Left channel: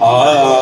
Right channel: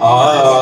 ah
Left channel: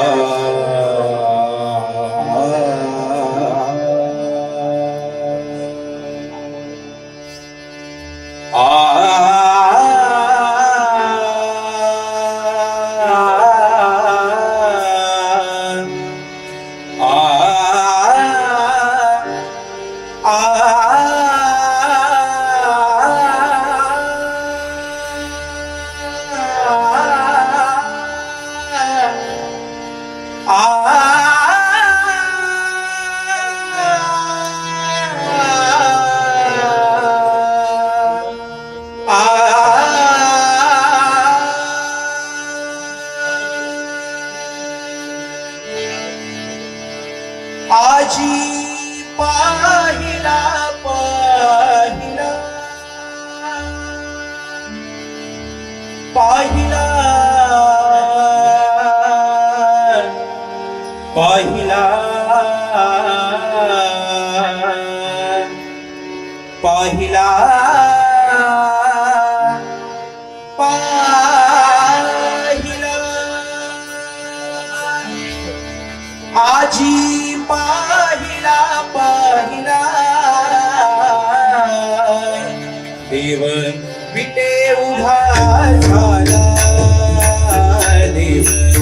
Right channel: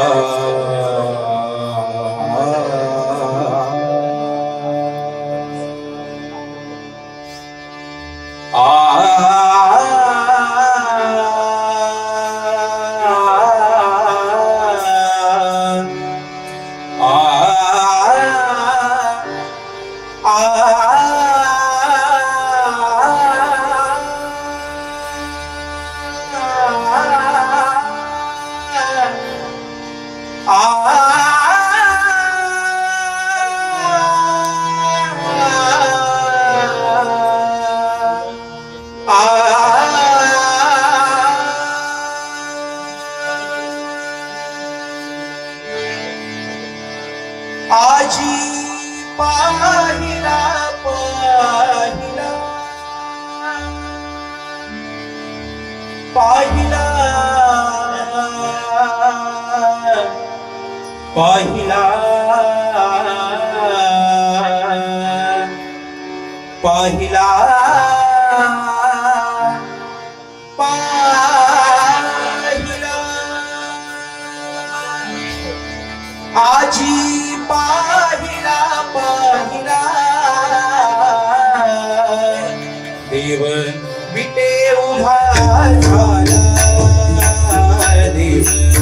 आजी पाहिला पाहिला. पाहिला. पाहिला. पाहिला. पाहिला. आजी पाहिला देव विटे उभा झाला देव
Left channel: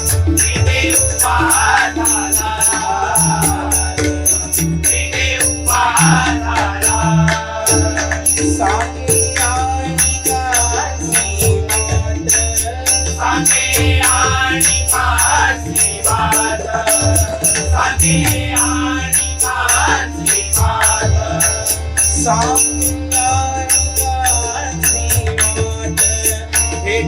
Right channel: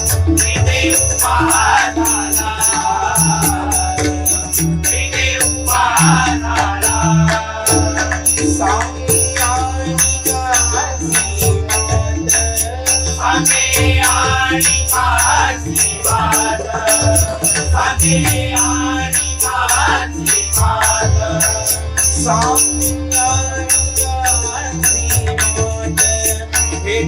Hey,